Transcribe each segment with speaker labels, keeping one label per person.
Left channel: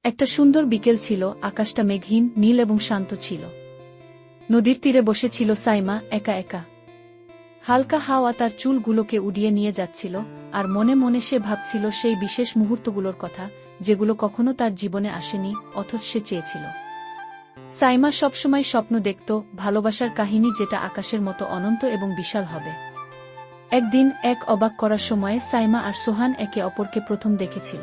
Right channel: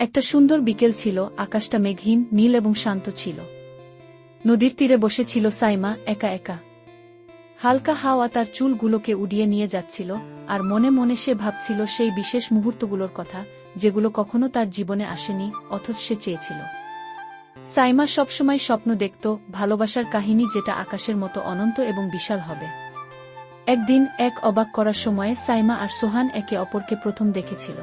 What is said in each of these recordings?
Speaker 1: একটা সুন্দর বিকেল ছিল, আকাশটা মেঘহীন, নীল এবং শান্ত ছিল। নদীর তীরে বসেছিল সাইমা একা একা। হালকা হাওয়া তার চুলগুলোকে উড়িয়ে নিয়ে যাচ্ছিল, আর মনে মনে সে ভাবছিল সেই বিশেষ মুহূর্তগুলোর কথা, যেগুলো কখনো তার জীবনে আসেনি, অথচ সে চেয়েছিল। সাইমা সবসময় স্বপ্ন দেখত, ভালোবাসার কাহিনী যেটা আকাশের মতো অনন্ত এবং বিশাল হবে। একদিন এক অবাক করার সময় সাইমা আর সোহান একে অপরকে প্রথম দেখেছিল।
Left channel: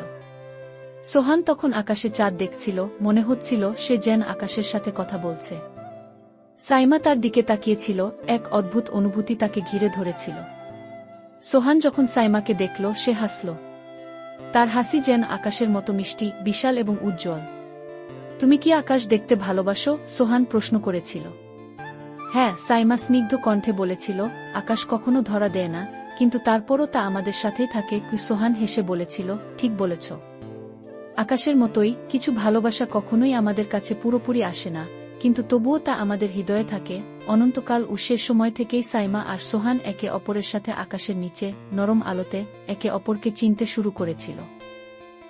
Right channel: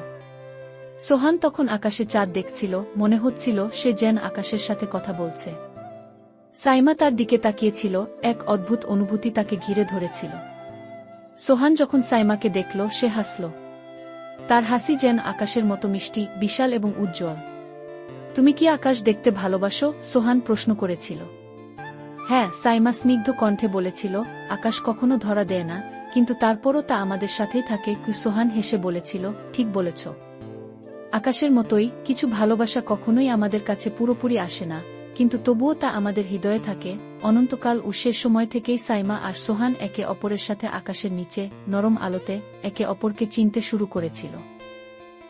Speaker 1: সোহান তখন আকাশে চাঁদ দেখছিল, মনে হচ্ছিল সে যেন আকাশের সাথে কথা বলছে। সাইমা তার দিকে তাকিয়েছিল, এক অদ্ভুত অনুভূতি তাকে ঘিরে ধরেছিল। সোহান যখন সাইমাকে দেখল, সে হাসল। তার হাসি যেন আকাশের মতো মিষ্টি, বিশাল এবং উজ্জ্বল। তুমি কি আকাশ দেখতে ভালোবাসো? সোহান প্রশ্ন করেছিল। হ্যাঁ সাইমা স্নিগ্ধ কণ্ঠে বলেছিল, আকাশ কখনো ধরা দেয় না, কিন্তু তারপরও তা আমাদের সাথেই থাকে। সোহান হেসে বলেছিল, ঠিক বলেছ। আকাশের মতোই কিছু ভালোবাসা কখনোই আমাদের কাছে পুরোপুরি আসে না। কিন্তু তবুও তা আমাদের হৃদয়ে থাকে। অনন্তকাল উৎসের সময় থেকেই সাইমা আর সোহান একে অপরের সাথে আকাশের নিচে, নরম আলোতে, একে অপরকে চিনতে শুরু করেছিল।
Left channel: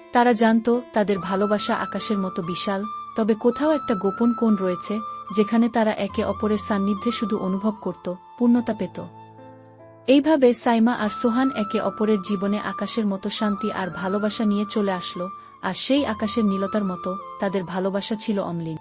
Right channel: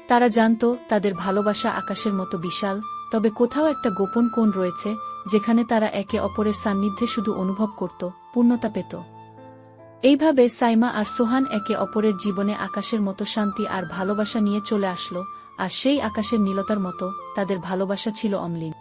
Speaker 1: তারা জানতো তাদের ভালোবাসা আকাশের মতো বিশাল। তবে কোথাও একটা গোপন কোণ রয়েছে, যেখানে তারা একে অপরের সান্নিধ্যে শুধু অনুভব করত, পূর্ণতা পেত। এইভাবে সাইমা আর সোহান একে অপরের জীবনে আকাশের মতো শান্তি আর ভালোবাসা নিয়ে চলে আসলো, আর সেই আকাশের নীলতার মতো তাদের ভালোবাসা ছিল অমলিন।